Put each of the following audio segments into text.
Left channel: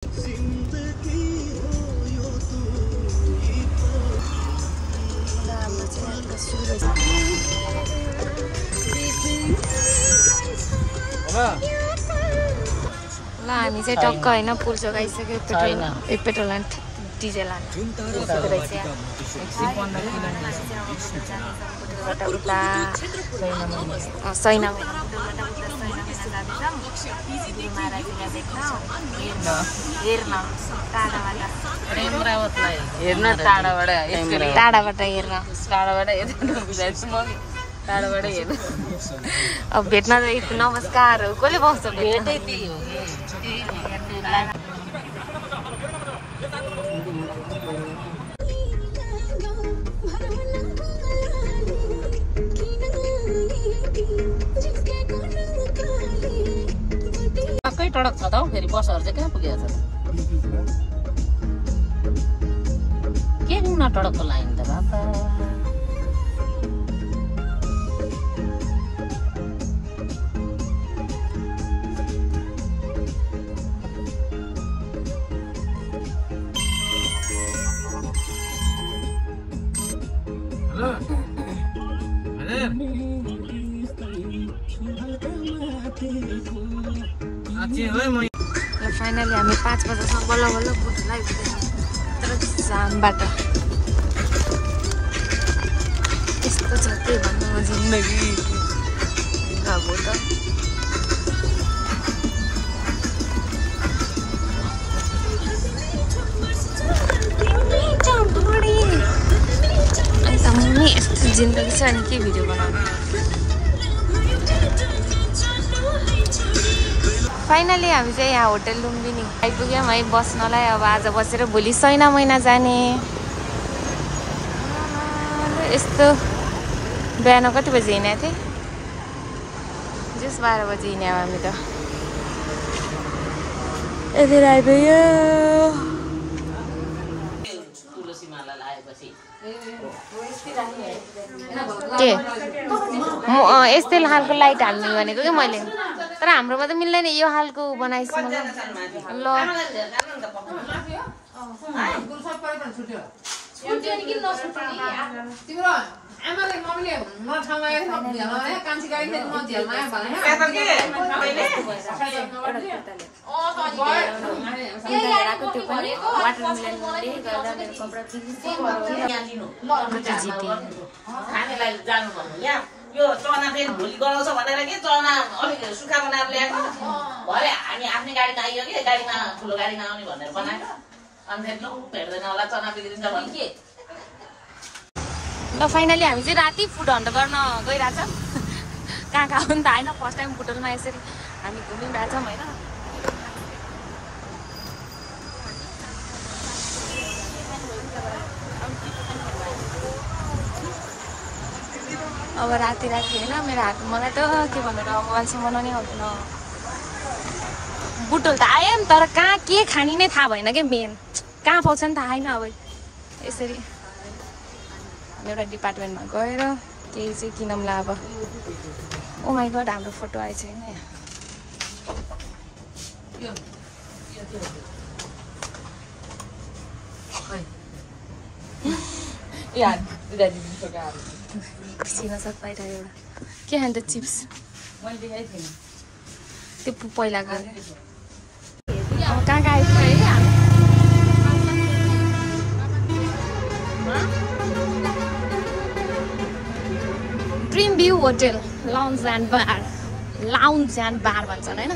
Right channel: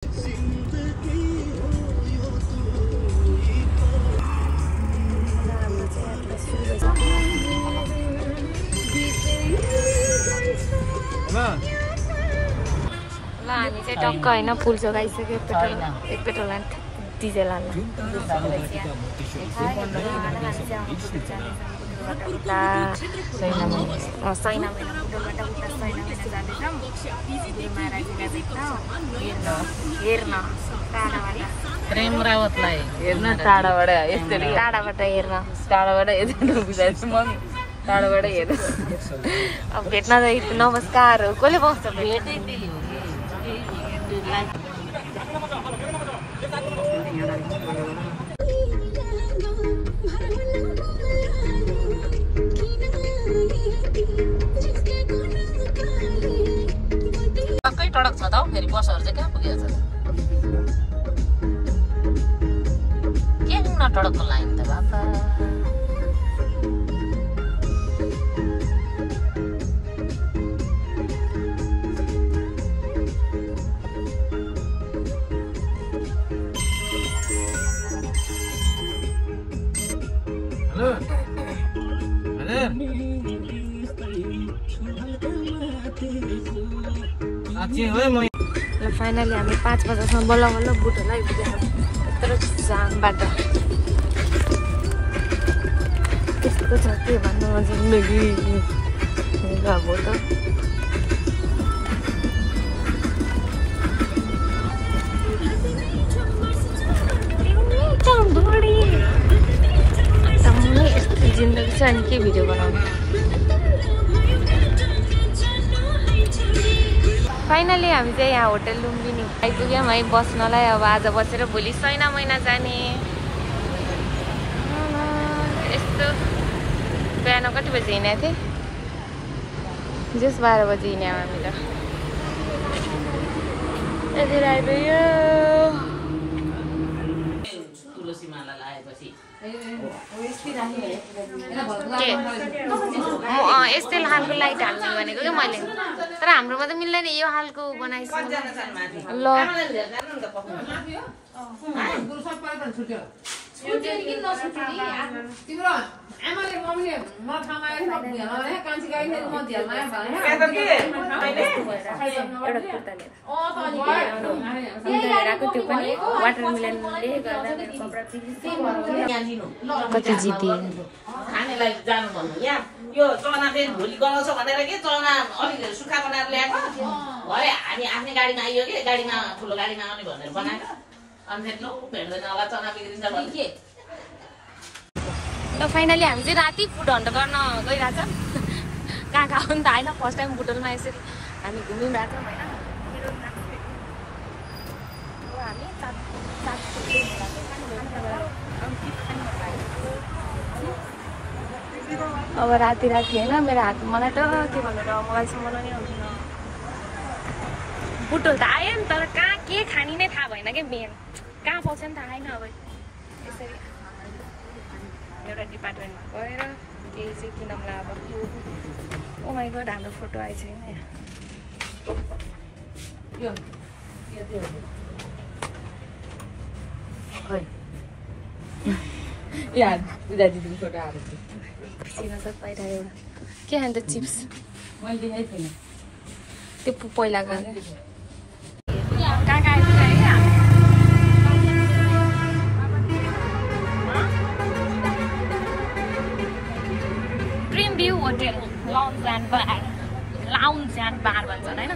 ल हामी चाहिँ टक्क होइन पुल जोगाइसक्यो पेट्रोल एन्ड डिजेल हाल्न सैना महाराजीलाई भेट्न हेर्न टाढाबाट हेर्न अब भेट्न नमस्कार कसले बस्छ टडक छ त फेरि बसहरु चाहिँ कहाँ पुगेछ के हुन टडकको लाइन त बाबा फाइनली हामी 5 बजेसम्म बल्ल बल्ल बुटोला आइपुगेछौँ यत्रो जामबाट यस्तो छ के भन्नु जिन्दगी अब त यस्तो जिन्दगी छ अनि के भिडियो बनाउनु फाइनली हामी चाहिँ यहाँ होटल लुम्बिनी आइपुग्यौँ है बस्नलाई अब आज बसेर भोलि सैना महिना जाने यस्तो बिहान कति बजी हिँडेको थिएँ जस 12 बजी हिँड्यौँ हामी त यति आइपुग्यो के यस्तै खालको लाइट हाल्ने भनेको क्या मैले तर हाम्रोमा त मिल्दैन यो खालको बनाइसक्नु ल त्यो पनि वाटरमेलनले गर्दा मेरो कपडा कति जिते यो चना चाहिँ भोलि गराउँछ भनेर के चना अलिक सुक्खा बनाएर ल्याएको भरे हामी आफ्नै गाडीमा आइयो कि गाडीमा ठुलो गाडीमा आउने भनेर बनाएको अनि फेरि भेट्दैन होला चना बिग्रिन्छ भने के ल फाइनली हामी चाहिँ राति फुड हन्ट गर्न गइरहेछ कहाँ कहाँ हो नि त होइन फर्स्ट टाइम बुटोलमा यसरी हामी घुमिरहेछौँ होइन अब राति होइन मेरो हात मलाई त के भन्नु र मोबाइलसम्म नै आउँदैन बुटोल त आयो नि तर कहाँ के खाने नै थाहा भएन कि मेन कहाँ पाउँछ नि थाहा छैन अब यसरी एउटा डिपार्टमेन्टमा गएर केही चाहिँ किनौँला अब ओ माइ गड हाम्रो फोटो आएछ होइन खुसी नसक पाइरहेको एउटा के खान्छ चिप्स त्यो पहिला कहाँ कहाँ आइपुग्यो dream view hotel lounge and बार भन्छ होइन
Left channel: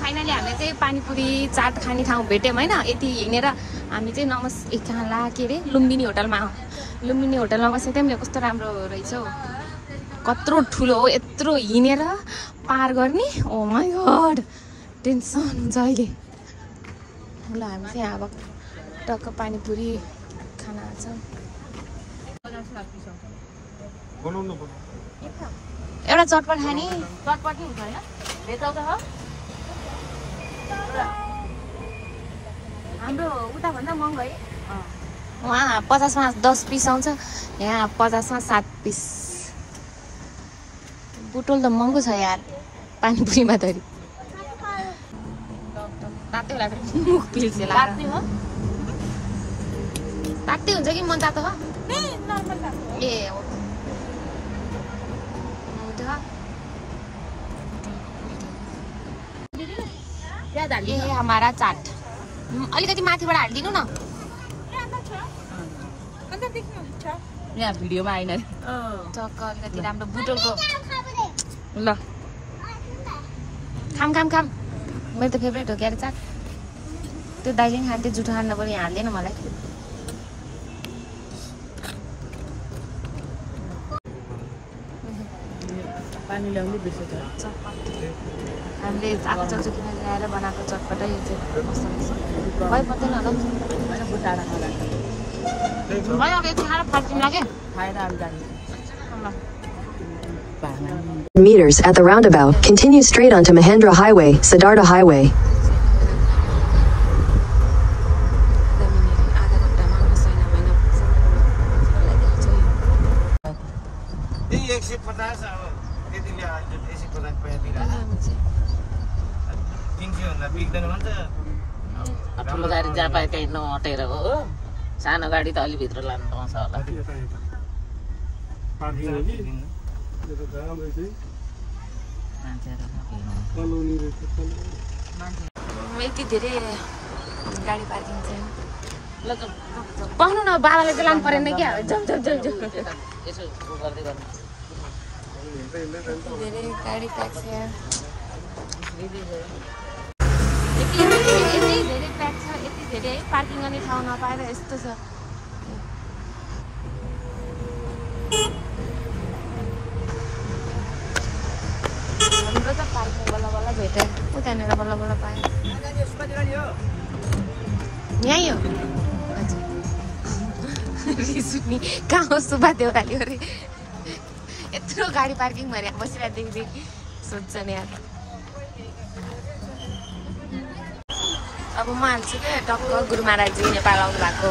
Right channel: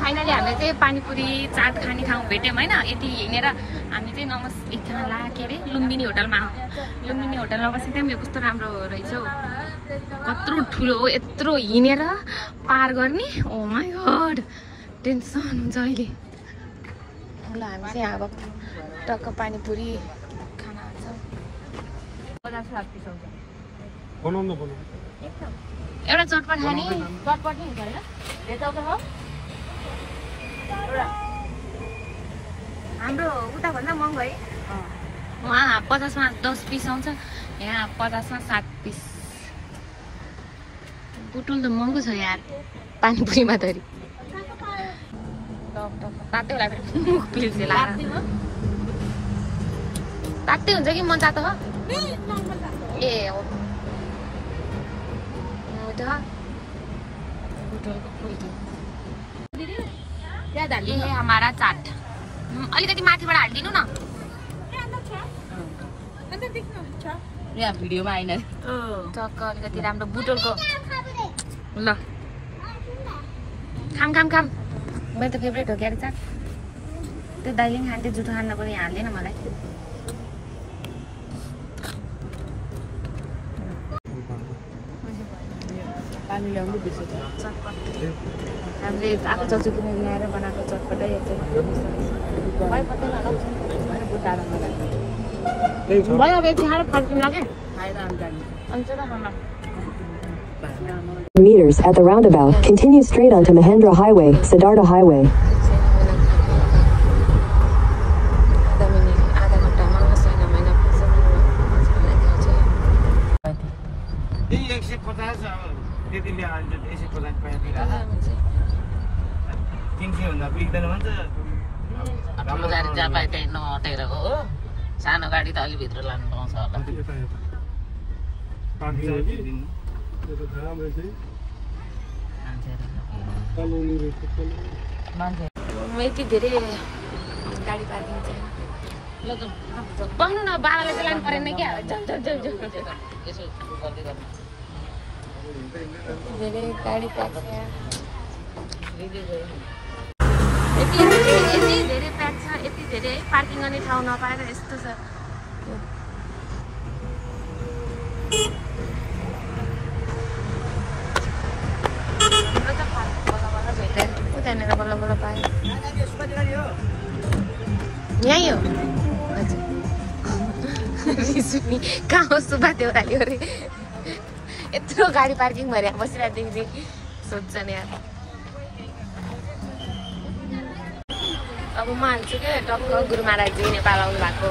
फाइनली हामी चाहिँ पानीपुरी चाट खाने ठाउँ भेट्यौँ होइन यति हिँडेर हामी चाहिँ एकजना के अरे लुम्बिनी होटलमा बसेको थियौँ कस्तो राम्रो रहेछ हौ कत्रो ठुलो हो यत्रो हिँडेर पार गर्ने ओ माई गड टेन्सन जहिले ल हामी चाहिँ अब टक्क पानीपुरी खाना छ एउटा चटपट खाने चटपट नै हुन्छ होइन हाम्रो उताभन्दा महँगो है वहाँ 50मा 10 पिस आउँछ यहाँ 50मा 7 पिस बुटोल त महँगो छ यार पानीपुरीमा धरी तातै होला मुख पिल्से लाग्छ तातै हुन्छ कि मन तातो हो ए हो ये हमारा चाट अलिकति माथिबाट हालिदिनु न यहाँ भिडियोमा आइन चक्क अलिकति राम्रो बुटोलको ल खाम खाम खाम मेरो त फेभरेट हो क्यारे चाट त्यो दाइले पनि खान्थ्यो जुठो खान्न पनि हाल्दैन मलाई पानी ल्याउनु बेसी हामीले आएको चल्छु किन ल्याएर बनाएको चटपटै भयो अब यति खाएर फर्किनु लाग्यो meters at the roundabout, continue straight onto Mahendra Highway, Siddhartha Highway. नअटेर हो सानो गाडी त अलि भित्र लानु पाउँछ यति धेरै गाडी पार्किङ छैन बस्नु न बाबाले चाहिँ लानु परेन क्या धेरै गाडी प्याक छ यहाँ यति धेरै प्याक छ यति धेरै पार्किङ गर्ने ठाउँ नपाएर यस्तो छ हाम्रो त पार्किङ बल्ल बल्ल भेट्यो उतानिर बल्ल बल्ल पायो यहीँ हो हजुर कहाँ हो सुब्बा देउताले अरे यत्रो गाडी पार्किङ भएर बसिरहेदेखि सोध्छ नि अब म हाल्छु क्या टक्क गुरु महाराजजी नेपाल आउनु भएको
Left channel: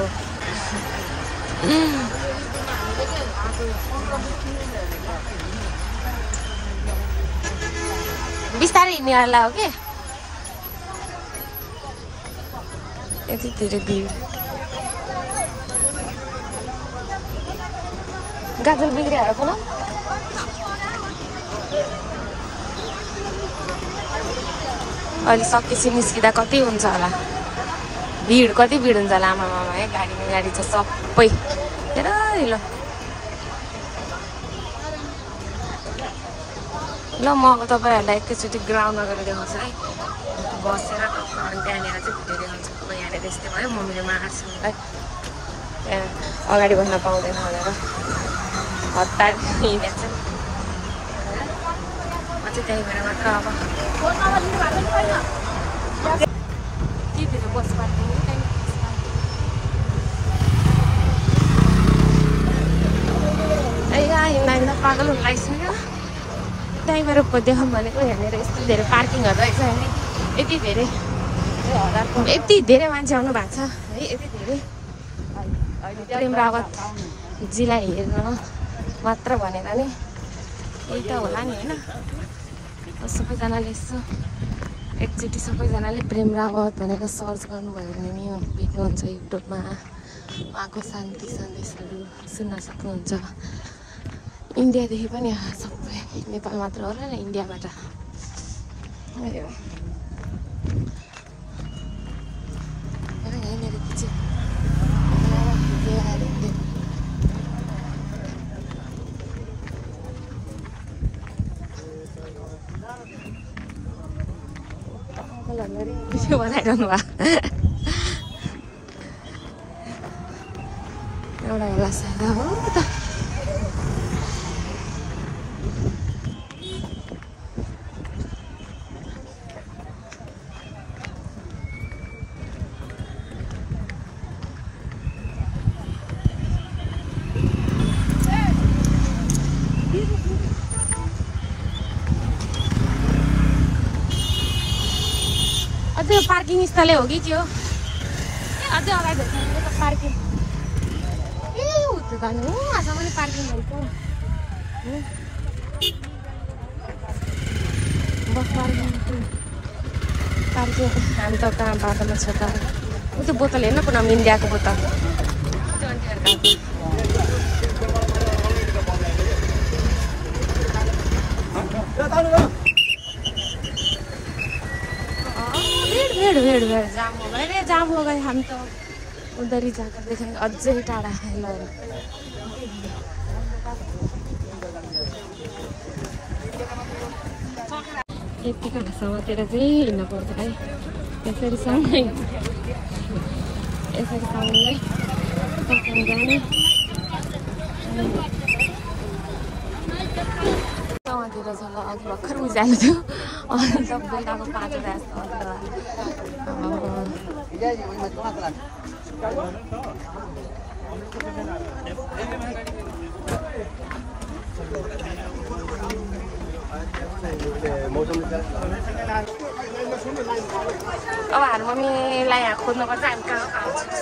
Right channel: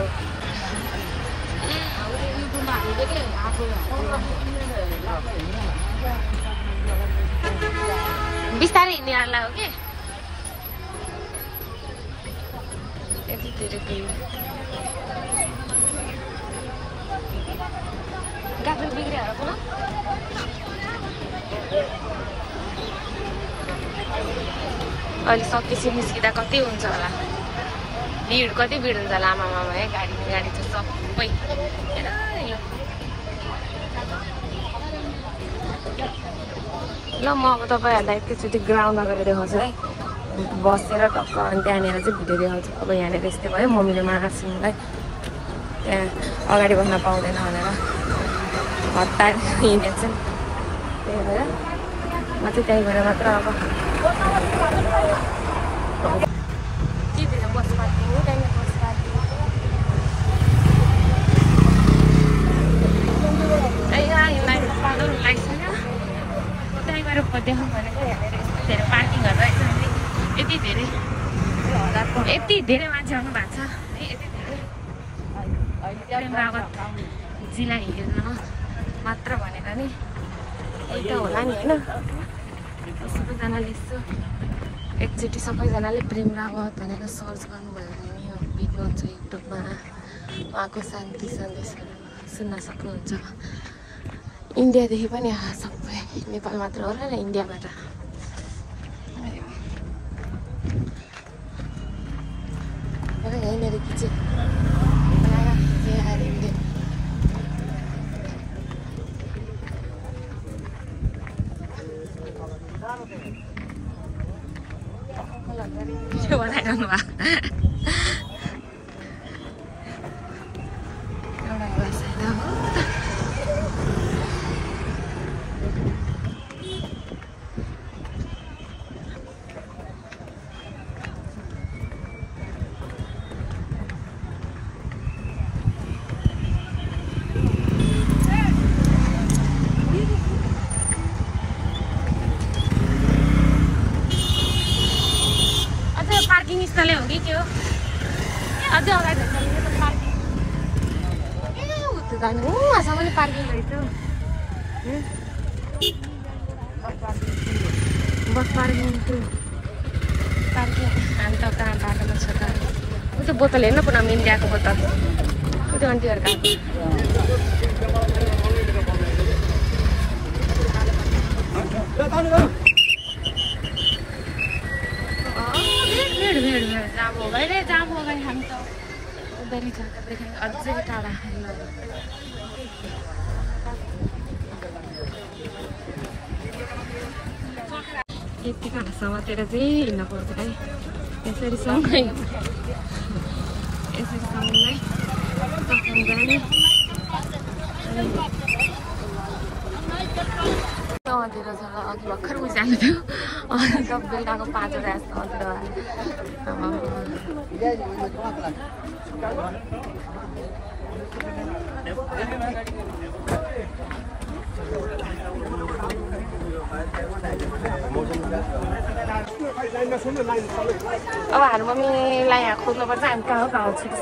बिस्तारै हिँड्नेहरूलाई हो कि यति धेरै भिड गाजर बिग्रियो होला अहिले सकेपछि निस्किँदा कति हुन्छ होला भिड कति भिड हुन्छ होला आमामा है गाडी छ सबै हेर ल ल म अब तपाईँहरूलाई एकैचोटि ग्राउन्डमा गएर देखाउँछु है बसेर टक्क अनि त्यहाँनिर चाहिँ भिडियो देखाउँछु अब यहाँनिर यस्तै भयो मम्मीले महाराजसँगै त्यहाँ अगाडि बस्न पाउँदैन भनेर हिँडेको छु त्यही भएर म चाहिँ त्यही भएर मात्र अब के भित्र बस पार्किङ हो त्यहाँनिर हिँड्दा पागल हुन लागिसक्यो त्यही भएर देखाउँ भनेको हेरेर यस्तो धेरै पार्किङहरू रहेछ होइन यति धेरै मान्छे आउनु भएको छ है यति धेरै प्रेम रावतजीलाई हेर्न मात्र भनेर नि एउटा होला नि होइन सबैजनाले यसो एकचोटि सबैजनाले प्रेम रावत भनेर सर्च गर्नुभयो भने नि भेट्नुहुन्छ युट्युबमा उहाँको शान्ति सन्देशहरू सुन्न सक्नुहुन्छ इन्डियादेखि पनि सबै नेपाल मात्र होला नि इन्डियाबाट यहीँनिर चाहिँ बनाइरहनु भयो एउटा होला साइड हो त पार्किङ स्थल हो कि के हो अझै अगाडि पार्किङ ए उतो जानु आसामले पार्किङ रहेछ itu botol हेर्न पुनः इन्डियाको बोतल त्यो आन्टीहरुका भीड जाम हो गए हामी त उधरी जग्गा देखाए अझै टाढा यतिको हाँसामातिर चाहिँ हिँड्न पर्छ है यसरी सँगै जाने सँगतिर चाहिँ अघि भर्खर उज्यालो थियो अनि सब बेलुकाको 5 बजे अब हाम्रो मम्मीलाई यहाँ खोज्नुपर्छ हामी कहाँ छिट्छ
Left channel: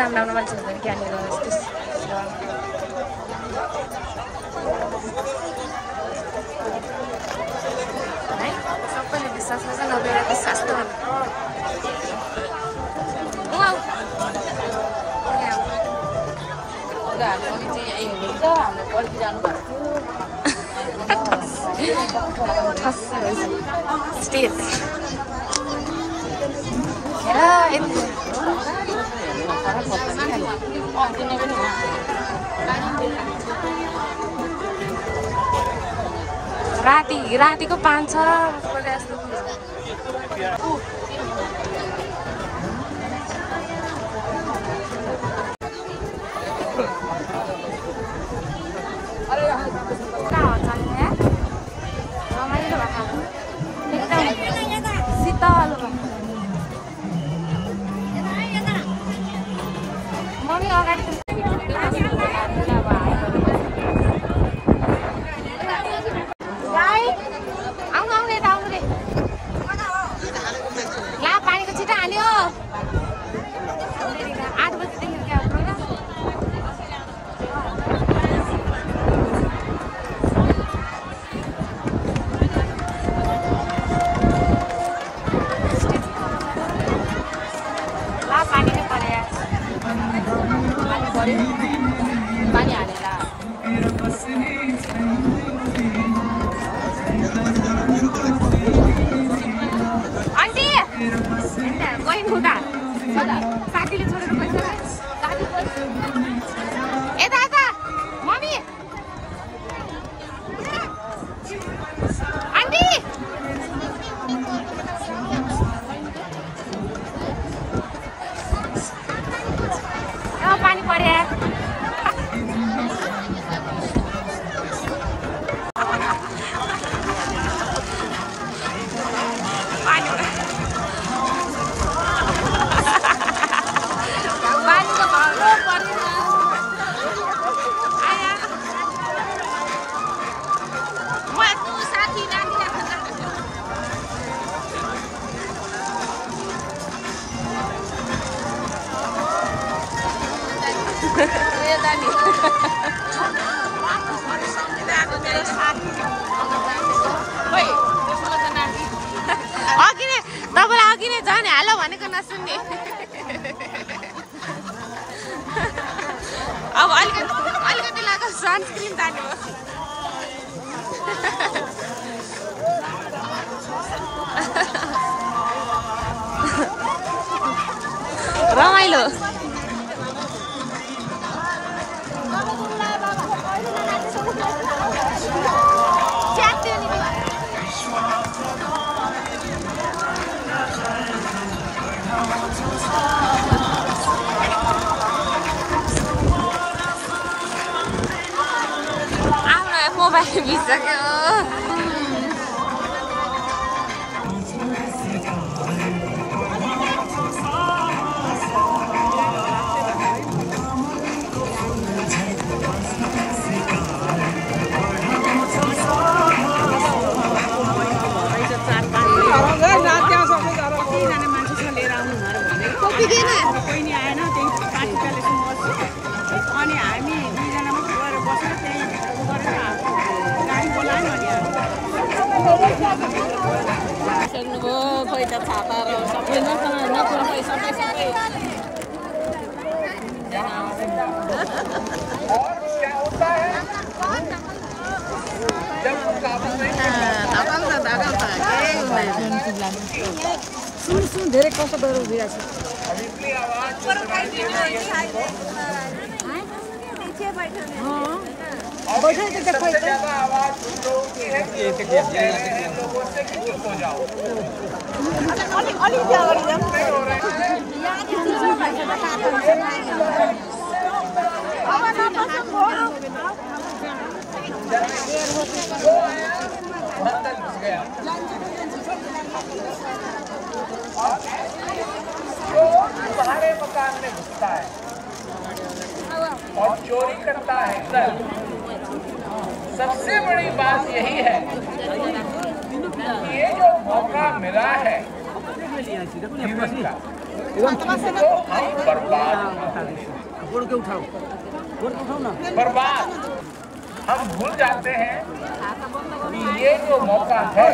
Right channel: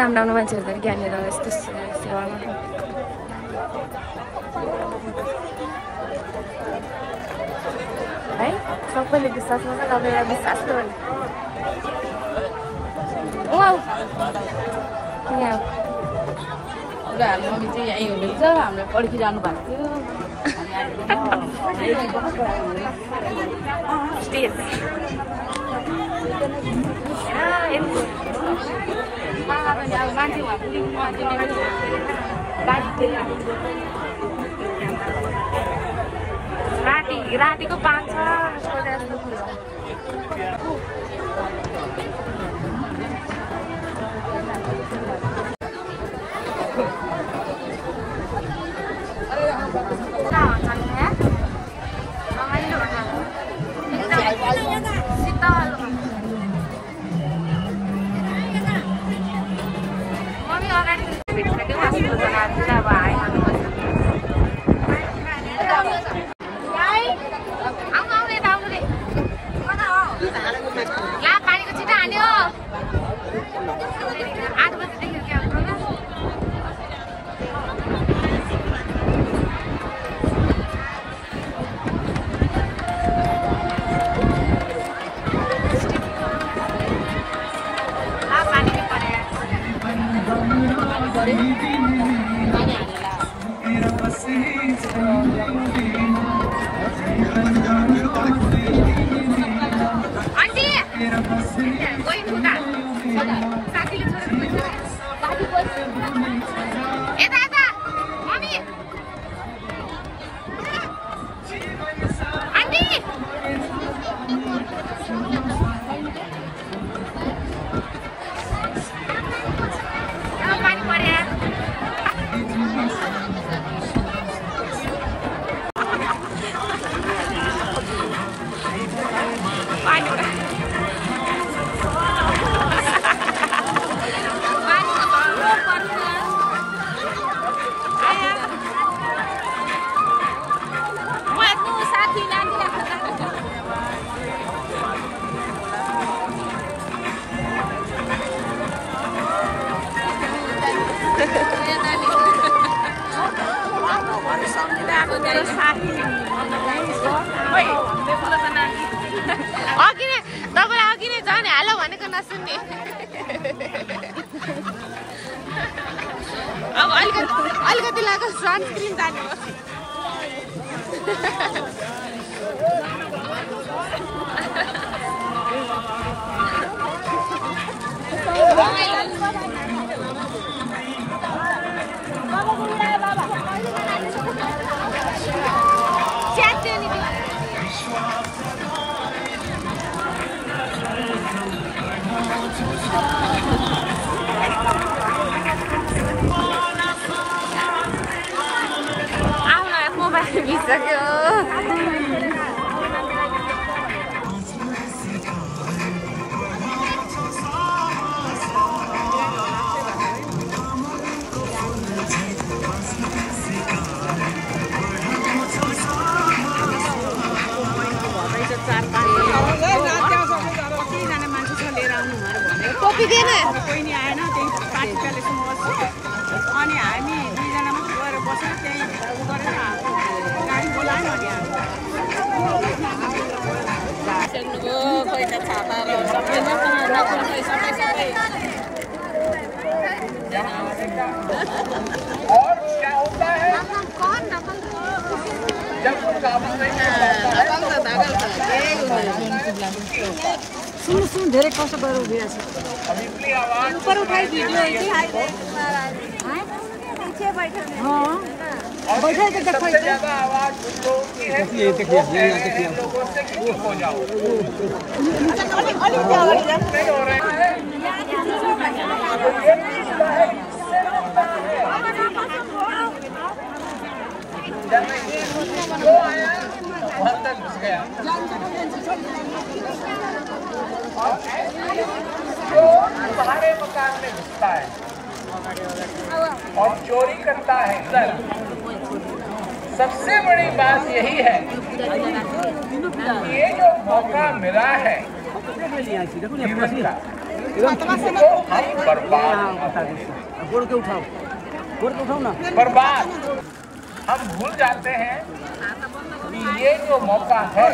राम्रो राम्रो मान्छेहरू है सबैले विश्वास गर्छ नभए एउटा विश्वास त हो हाम्रो पर्खिरहनु भएको स्टेज रातिको 5 छ जस्तो मम्मी अगाडि अघि नै झन् हाल भनेको नसुन्ने अब अलिकति लाग्यो सनस्क्रिन तान्नु रमाइलो मोबाइल बिसक्यो कोही नि आएन त्यही पार्टी कलेक्सन गर्छु अनि हामी 2 जना मात्रै गएर बसेर त्यही गरेर गाडी बोलायो अनि कोही त छाता र सबैमा नपुर्दै सबै और क्या होता है जब वो काबू नहीं कर पाता है सुन धेरै कष्ट गरेर उभिरहेको छ अगली आवाज बैठे के सबसे ज्यादा आवाज उन लोगों की है वो कह रहे हैं लोगों से कि चुप हो जाओ नहीं हो रहे घुस गया तुम्हारे मकान में घुसता है और चोरी करता है सर सबसे बड़ी बात यही है कि ये जो मौका मिला है जीवन का इसको हम बर्बाद ना बर्बाद हम भूल जाते हैं कि ये जो मौका है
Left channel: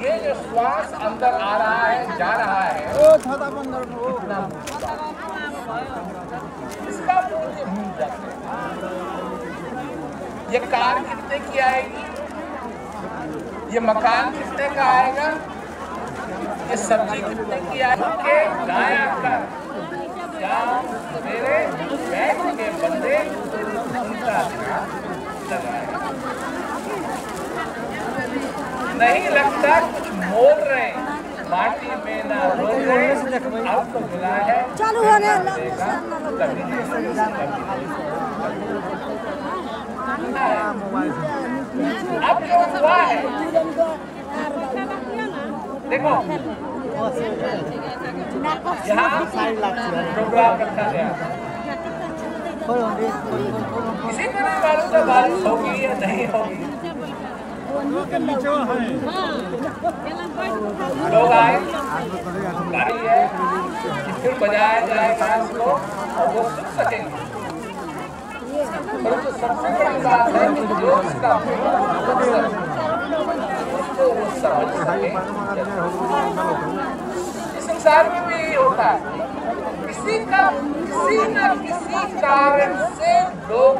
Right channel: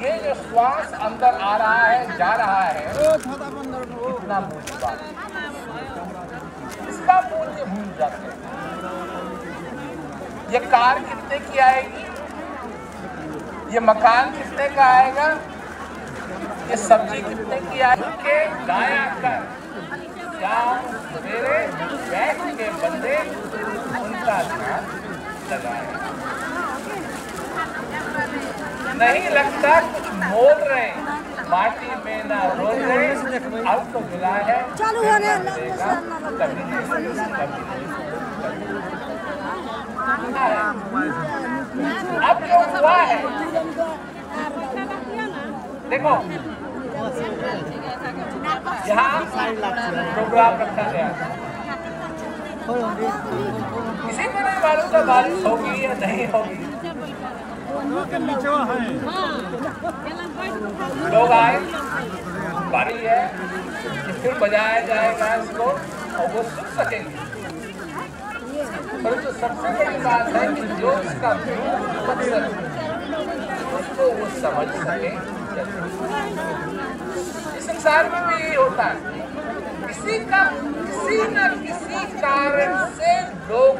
ये जो श्वास अंदर आ रहा है जा रहा है कितना इसका मूल्य भूल जाते हैं ये कार कितने की आएगी ये मकान कितने का आएगा ये सब्जी कितने की आएगी गाया कर मेरे बैंक के बंदे उनका ध्यान लगाए नहीं लगता कुछ बोल रहे माटी में ना रो रहे अब तो मिला है चालू होने अब जो हुआ है देखो यहाँ प्रोग्राम रखा गया किसी को नहीं मालूम था बारिश होगी या नहीं होगी लोग आए बारी है फिर बजाया जाएगा इसको और वो सुन सकेंगे परंतु सबसे बड़ी बात है कि जो इसका उसको वो समझ सके इस संसार में भी यही होता है किसी न किसी कारण से लोग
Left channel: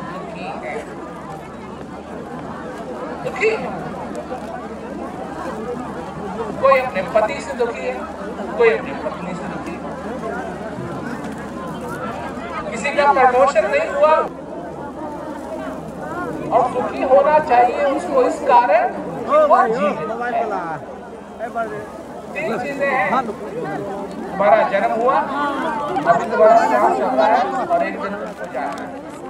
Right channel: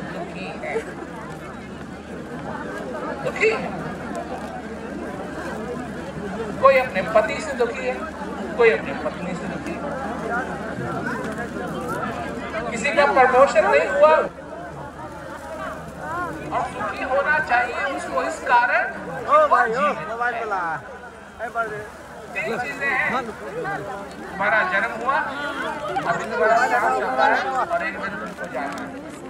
दुखी हैं कोई अपने पति से दुखी है कोई अपनी पत्नी से दुखी है किसी का प्रमोशन नहीं हुआ और दुखी होना चाहिए उसको इस कारण कि वो जीवित है 3 चीजें हैं तुम्हारा जन्म हुआ अभी तुम्हारा काम चल रहा है और एक दिन तुमको जाना है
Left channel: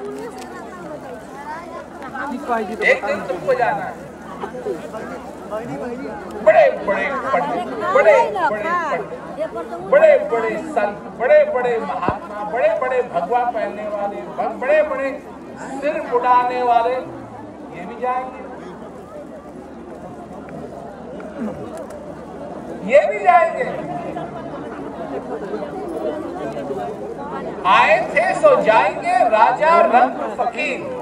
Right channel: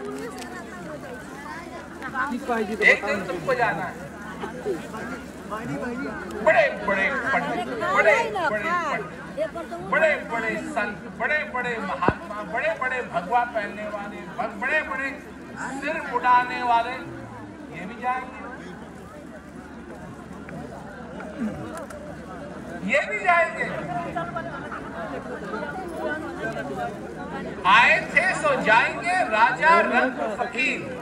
एक दिन तुमको जाना है बड़े बड़े पंडित बड़े बड़े पंडित बड़े बड़े संत बड़े बड़े महात्मा बड़े बड़े भगवा पहनने वाले बड़े बड़े सिर उड़ाने वाले ये भी जाएंगे ये भी जाएंगे आए थे सो जाएंगे राजा रंग फकीर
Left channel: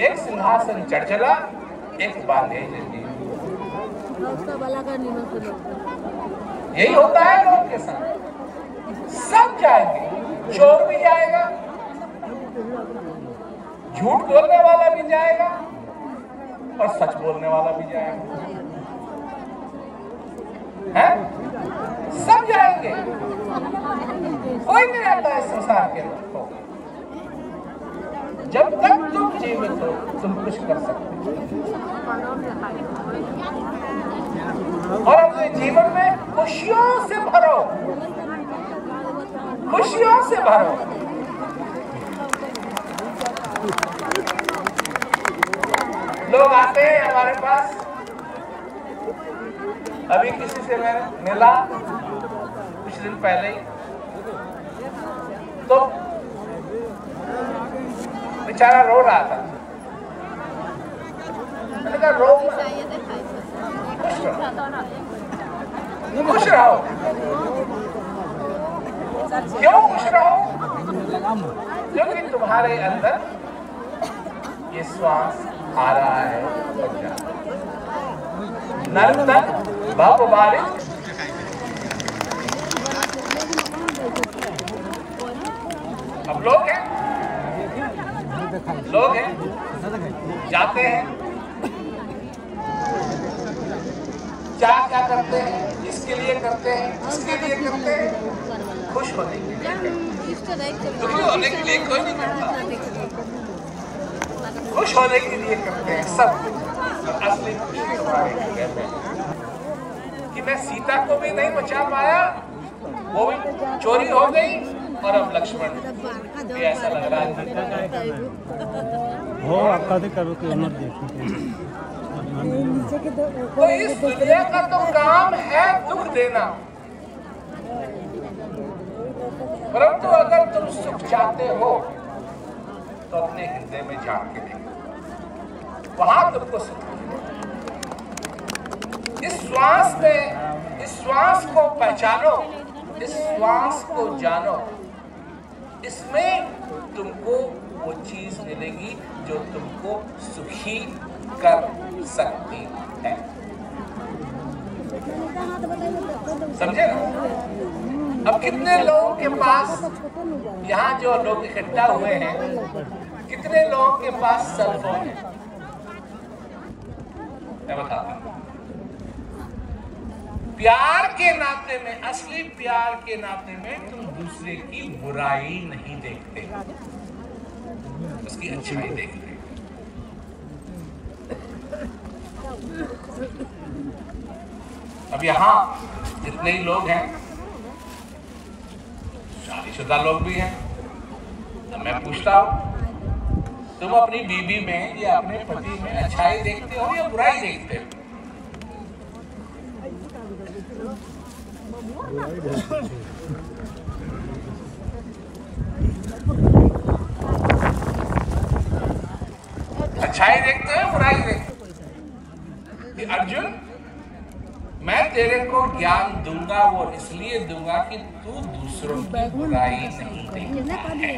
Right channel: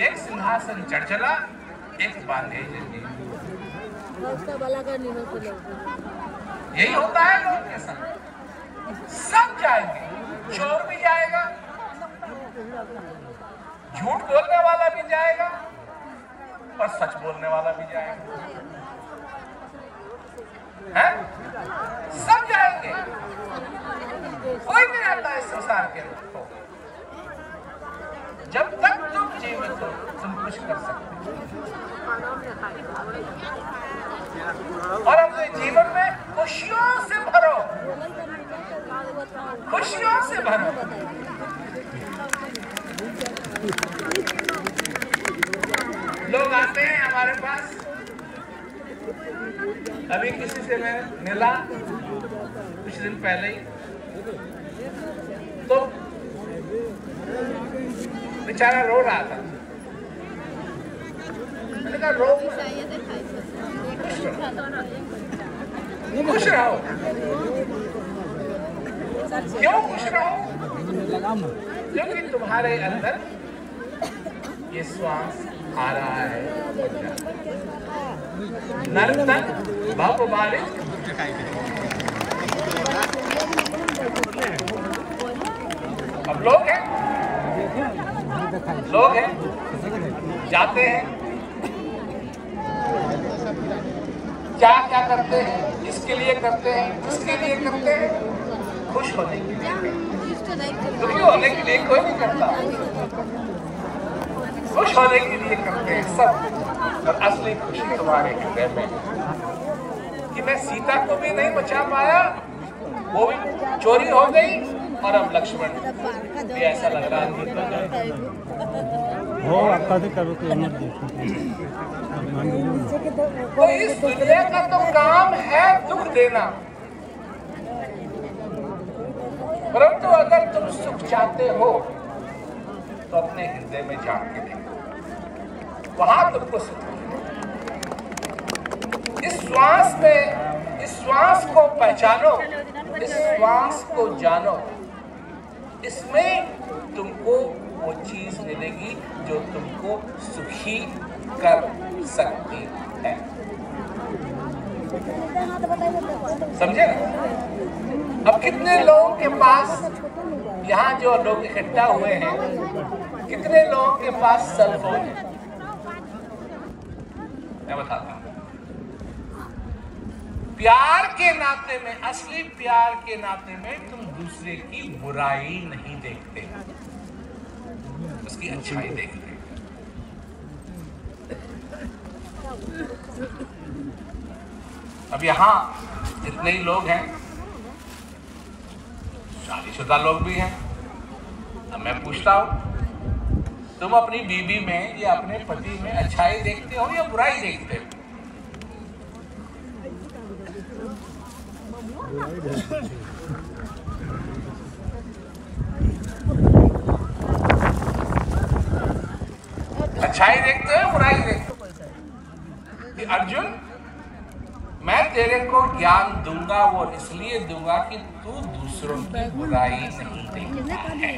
एक सिंहासन चढ़ चला एक बांधे जंजीर यही होता है लोग के साथ सब जाएंगे चोर भी जाएगा झूठ बोलने वाला भी जाएगा और सच बोलने वाला भी जाएगा हैं? सब जाएंगे कोई नहीं आता है संसार के अंदर जब तक तुम जीवित हो तुम कुछ कर सकते हो और अपने जीवन में खुशियों से भरो खुशियों से भरो लोग आते हैं हमारे पास अभी किसी से मैं मिला कुछ दिन पहले ही तो बेचारा रो रहा था मैंने कहा रो खुश रहो क्यों खुश रहो क्योंकि तुम्हारे अंदर ये श्वास आ रहा है नर्तन भव बारिश। अब लोग हैं जाते हैं, क्या क्या करते हैं, इसके लिए करते हैं, इसके लिए करते हैं, खुश होने के लिए, दुखी होने के लिए कोई नहीं करता, खुश होने के लिए करते हैं सब कुछ। असली खुशी तुम्हारे हृदय में कि मैं सीता को भी नहीं बचा पाया, वो भी चोरी हो गई, और अब लक्ष्मण भी ऐसा लग रहा है हो आपका करो कि तो इस दुनिया का तो काम है दुख देना, परंतु अगर तुम सुख चाहते हो तो अपने हृदय में झांक के देखो, वहां तुमको सुख मिलेगा। इस श्वास में, इस श्वास को पहचानो, इस श्वास को जानो, इसमें तुमको वो चीज मिलेगी जो तुमको सुखी कर सकती है। समझे ना? अब कितने लोगों के पास, यहाँ जो लोग इकट्ठा हुए हैं, कितने लोगों के पास सेल फोन है? मैं बताता हूँ। प्यार के नाते में, असली प्यार के नाते में तुम दूसरे की बुराई नहीं देखते, उसकी अच्छाई देखते। अब यहाँ जितने ही लोग हैं, शादीशुदा लोग भी हैं, अब मैं पूछता हूँ, तुम अपनी बीवी में या अपने पति में अच्छाई देखते हो या बुराई देखते हो? अच्छाई देखते हैं, बुराई देखते हैं? कि अर्जुन, मैं तेरे को ज्ञान दूंगा, वो इसलिए दूंगा कि तू दूसरों की बुराई नहीं देखता है।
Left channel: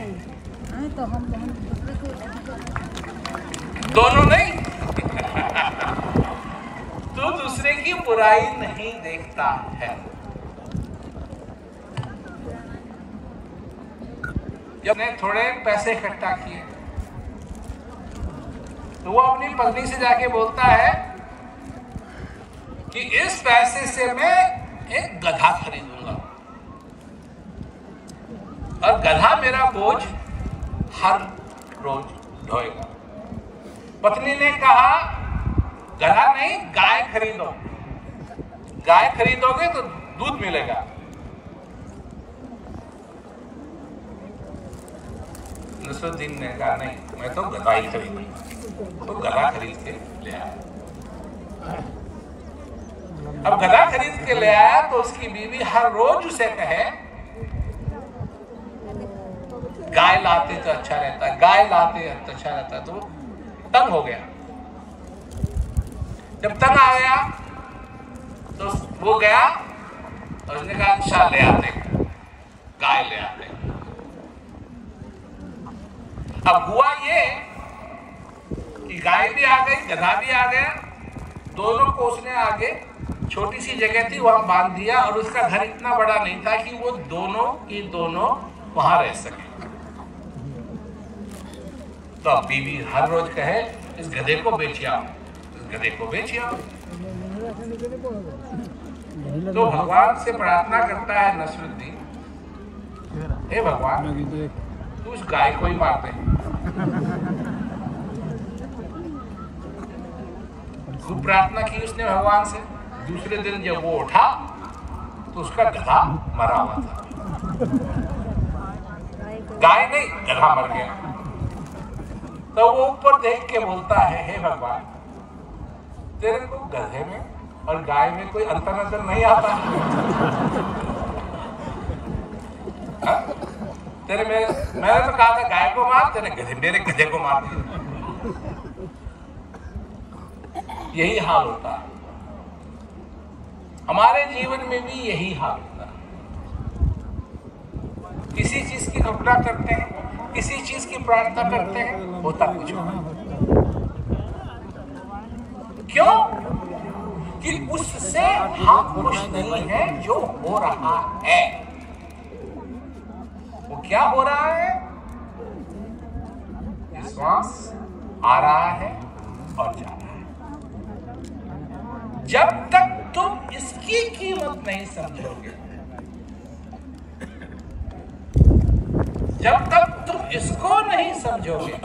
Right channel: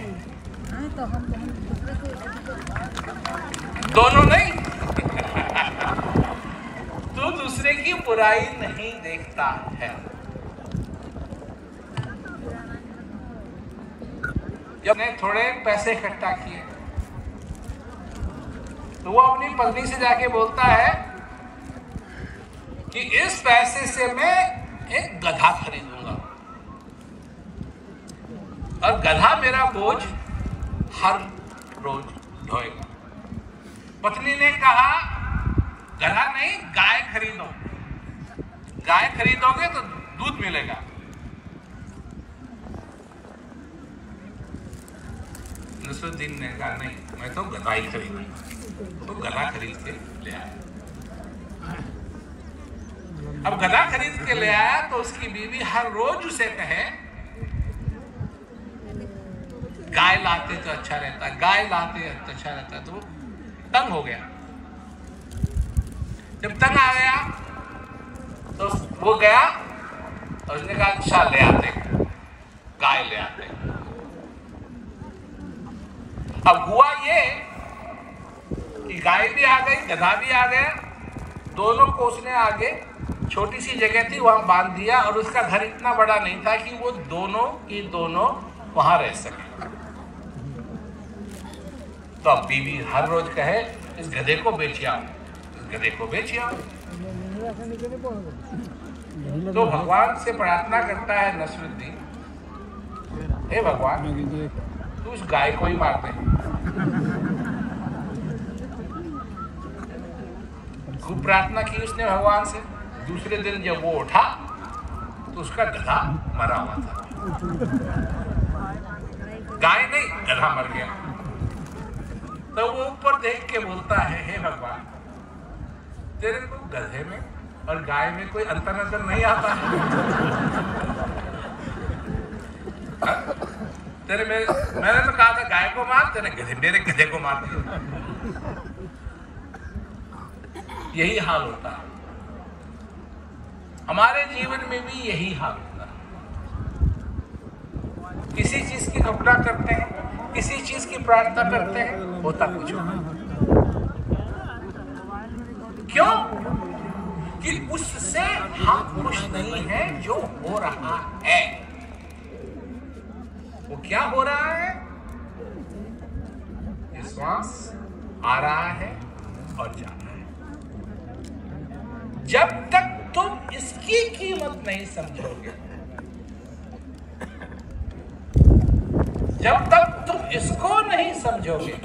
दोनों नहीं तू दूसरे की बुराई नहीं देखता है। जब ने थोड़े पैसे इकट्ठा किए तो वो अपनी पत्नी से जाके बोलता है कि इस पैसे से मैं एक गधा खरीदूंगा और गधा मेरा बोझ हर रोज ढोएगा। पत्नी ने कहा, गधा नहीं, गाय खरीदो, गाय खरीदोगे तो दूध मिलेगा। नसरुद्दीन ने कहा, नहीं, मैं तो गधा ही खरीदूंगा। तो गधा खरीद के ले आया। अब गधा खरीद के ले आया तो उसकी बीवी हर रोज उसे कहे, गाय लाते तो अच्छा रहता, गाय लाते तो अच्छा रहता। तो तंग हो गया। जब तंग आ गया तो वो गया और उसने कहा, अच्छा ले आते, गाय ले आते। अब हुआ ये कि गाय भी आ गई, गधा भी आ गया, दोनों को उसने आगे, छोटी सी जगह थी वहां बांध दिया और उसका घर इतना बड़ा नहीं था कि वो दोनों की दोनों वहां रह सके। तो अब बीवी हर रोज कहे, इस गधे को बेच आओ, इस गधे को बेच आओ। तो भगवान से प्रार्थना करता है नसरुद्दीन, हे भगवान, तू उस गाय को ही मार दे। खूब प्रार्थना की उसने भगवान से। दूसरे दिन जब वो उठा तो उसका गधा मरा हुआ था। गाय नहीं, गधा मर गया। तो वो ऊपर देख के बोलता है, हे भगवान, तेरे को गधे में और गाय में कोई अंतर नजर नहीं आता? तेरे मैंने तो कहा था गाय को मार, तेरे मेरे गधे को मार दिया। यही हाल होता है, हमारे जीवन में भी यही हाल होता है। किसी चीज की कल्पना करते हैं, किसी चीज की प्रार्थना करते हैं, होता कुछ और। क्यों? कि उससे हम खुश नहीं है जो हो रहा है। वो क्या हो रहा है? श्वास आ रहा है और जा रहा है। जब तक तुम इसकी कीमत नहीं समझोगे, जब तक तुम इसको नहीं समझोगे,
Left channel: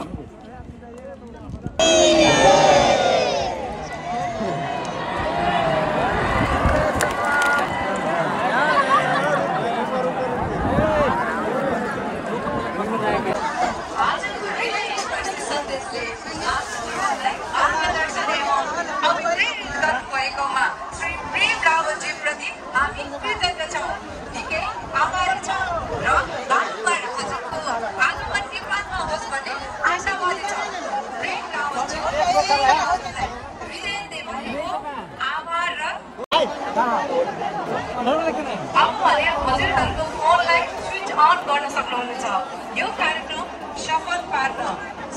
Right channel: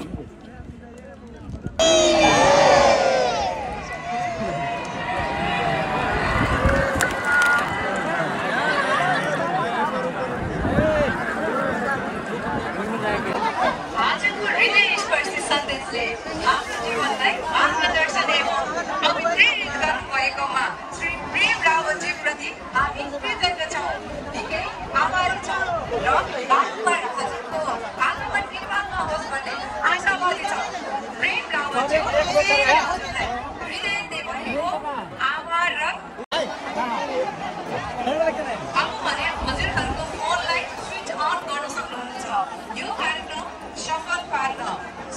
यो कार्यक्रम सफल पार्न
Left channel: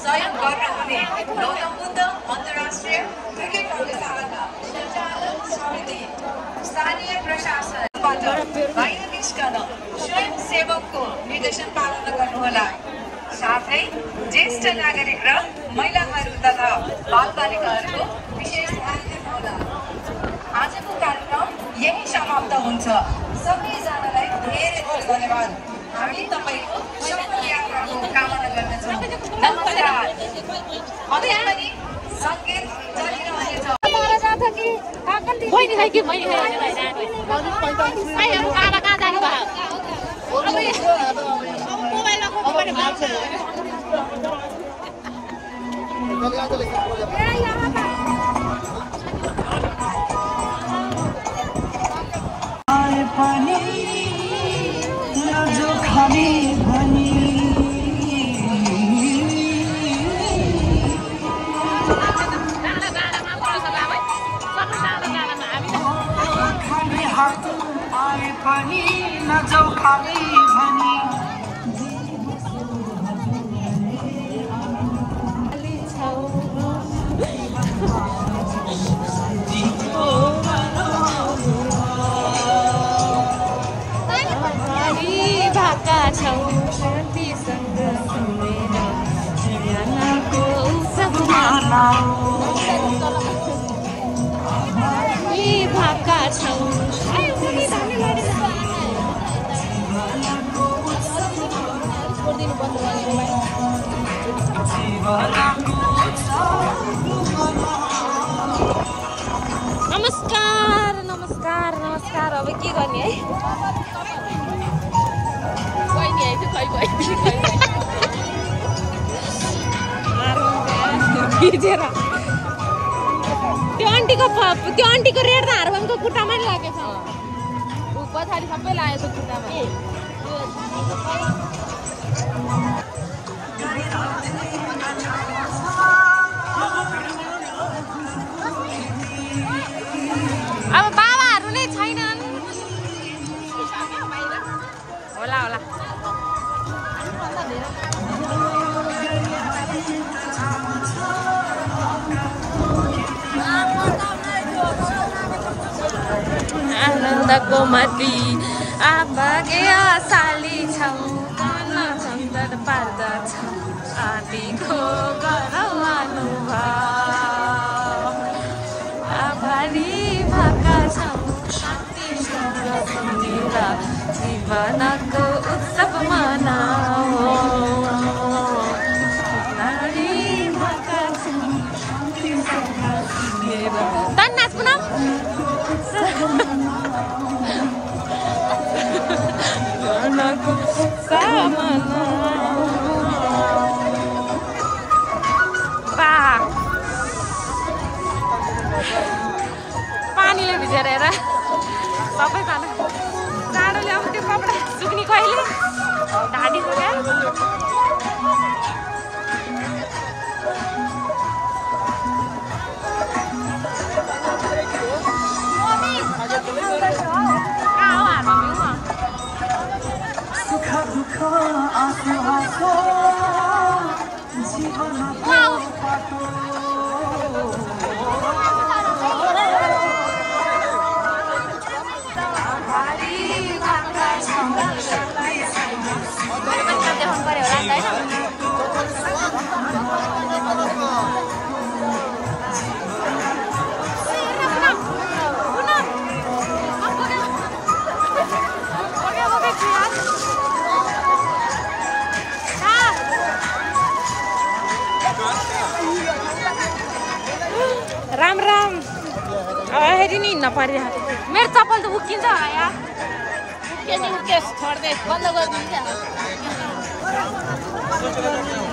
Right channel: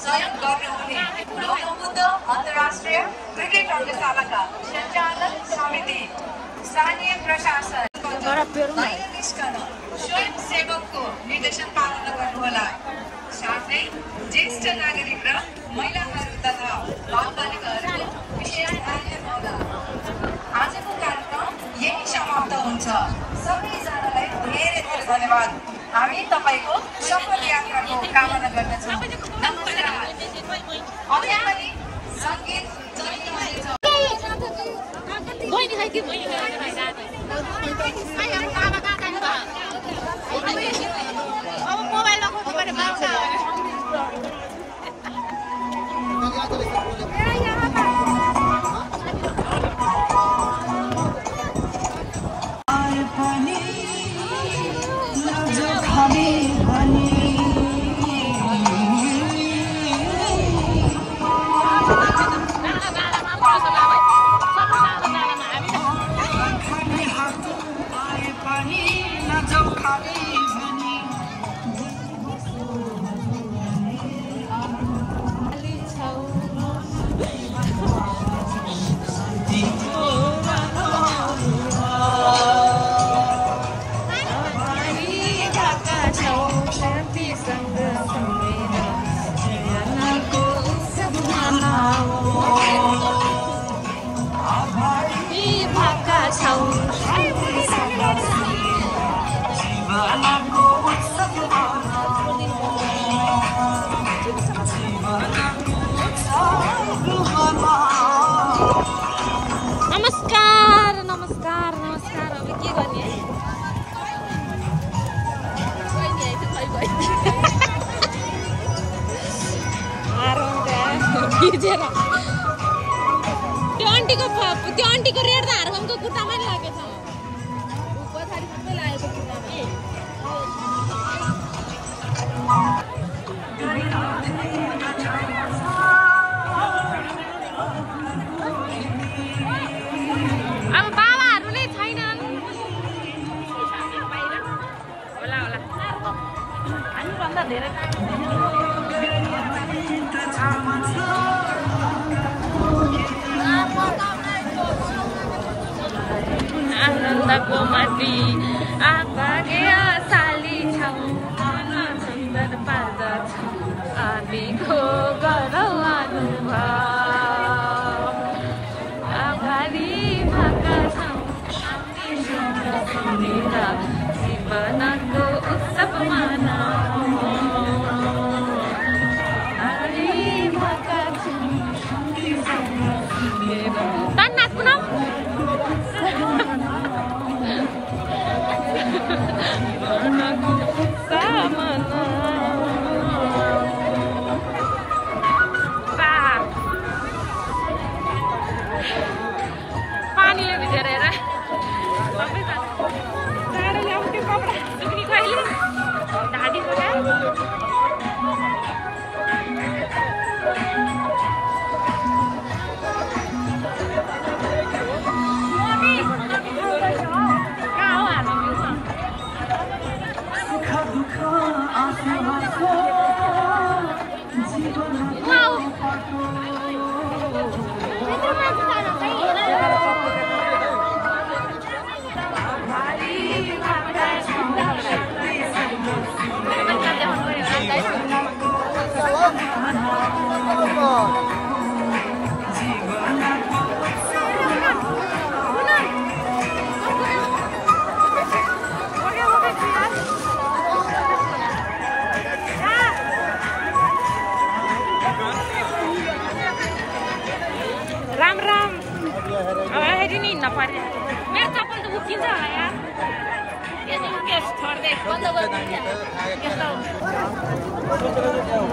सहयोग गर्नुहुने गौतमबुद्ध अन्तर्राष्ट्रिय क्रिकेट टोलीशालाका सञ्चालक समिति, स्थानीय प्रशासन बाहिर निस्कन स्वयंसेवकको निर्देशन पालन गर्नुहोला। साथै ज्येष्ठ नागरिक र महिलाहरू तथा बालबालिकाहरूको विशेष ध्यान दिनुहोला। आजको कार्यक्रम यही समाप्त हुन्छ। सबैजनालाई धेरै धेरै धन्यवाद। हामी तपाईको सफल यात्राको कामना गर्दछौँ। नमस्कार। अझै पनि सङ्गीत चलिरहेको छ। बहिनी खै के मैले भाइहरु कहाँ कहाँ जानु भयो? अब मोबाइल लगाउनुपर्ने भएको छ। नमस्कार नमस्कार नमस्कार। अब के गर्ने है? त्यो आन्टीको रेड त हारवाङको खुट्टामै लागेछ। पछाडि सबै लागेको खुट्टामा। अब बाबाहरू नै छैनन् होला होला। हामीभन्दा धेरै आनन्दको मती आभागे साली छौ मन सुन्दर पार्दछ आदिको गरौ अनुभव आभारी भएका छौ मेरा जीवनको उत्सव मनाऊ नारी भएका छौ तन नाच पुनम मनको सामना पानीले भिजेर सबैजना जाडोले अब त्यो कपडा सुक्ने कहिले ढाडीको क्या कहाँ हो हाम्रो भ्यूमा राम राम अब हेरी नि हिँड्न परिरहेको मेरो चप्पल त उक्किन्छ होला यार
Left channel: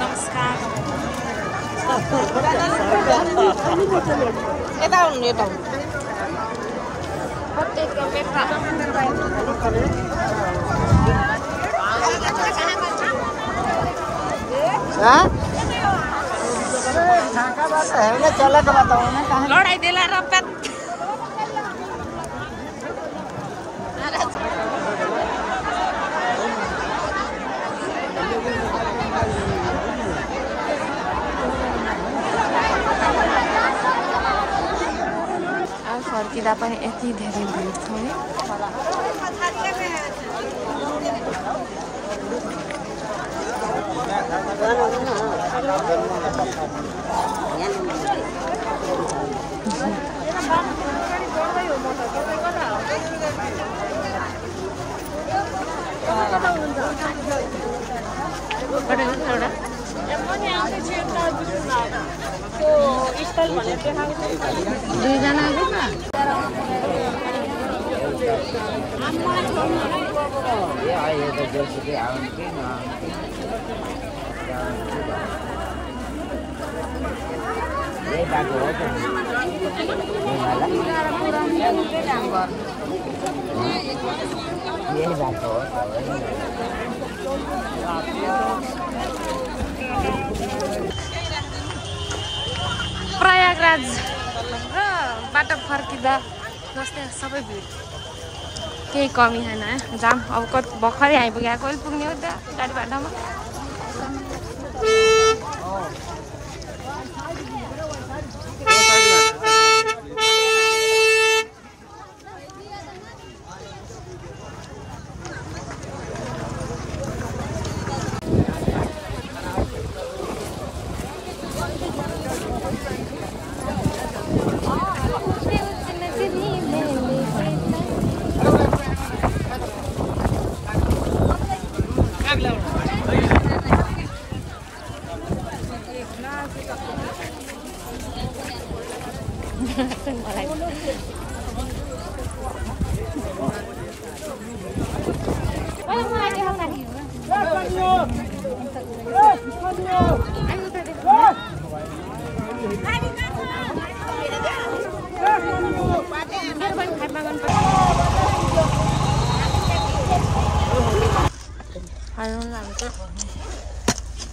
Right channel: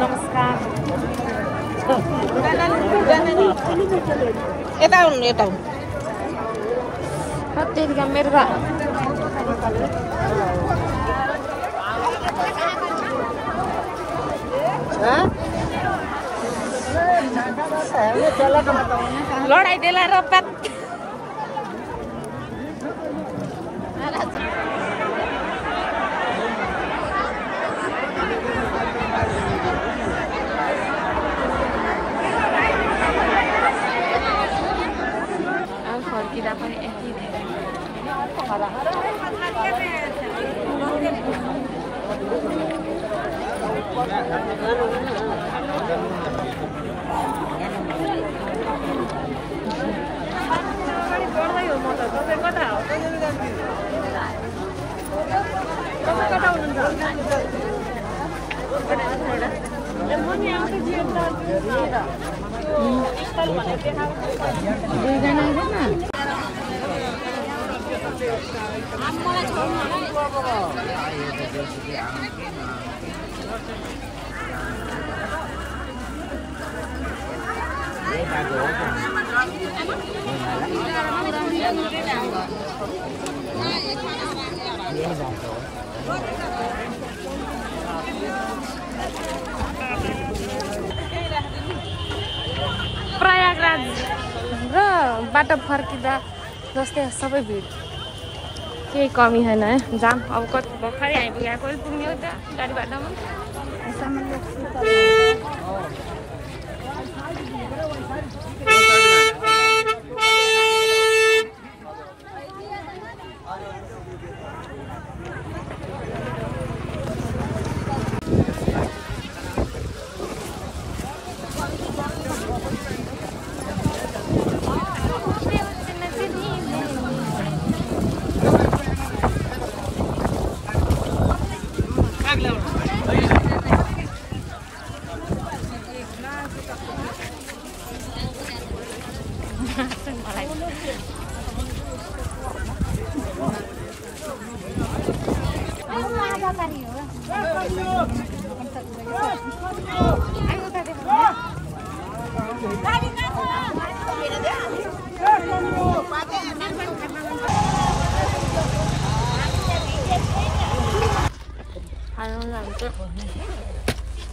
नमस्कार यता आउनु यता लडाइँ देला र प्यात अब फर्किँदा पनि यति धेरै भिड छ प्रयागराज र बाटो फर्किँदा जस्तै सबै भिड केही कमी छैन जाम अब कति भर्खरै आइपुग्यो कहिले पुग्ने हो त्यहाँ गाडी बाटोमा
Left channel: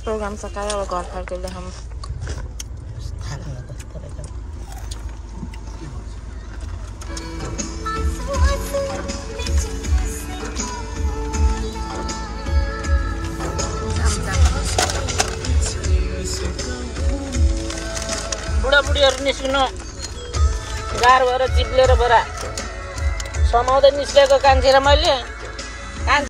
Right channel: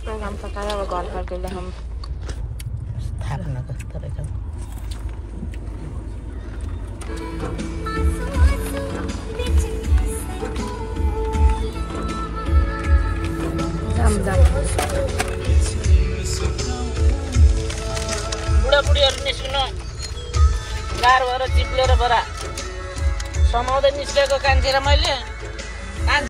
प्रोग्राम सकाएर अब घर फर्केर हम बुढाबुढीहरू निस्किनु गाह्रो भएर चिप्लेर बरा समाउँदै निस्केको कान्छी र मैले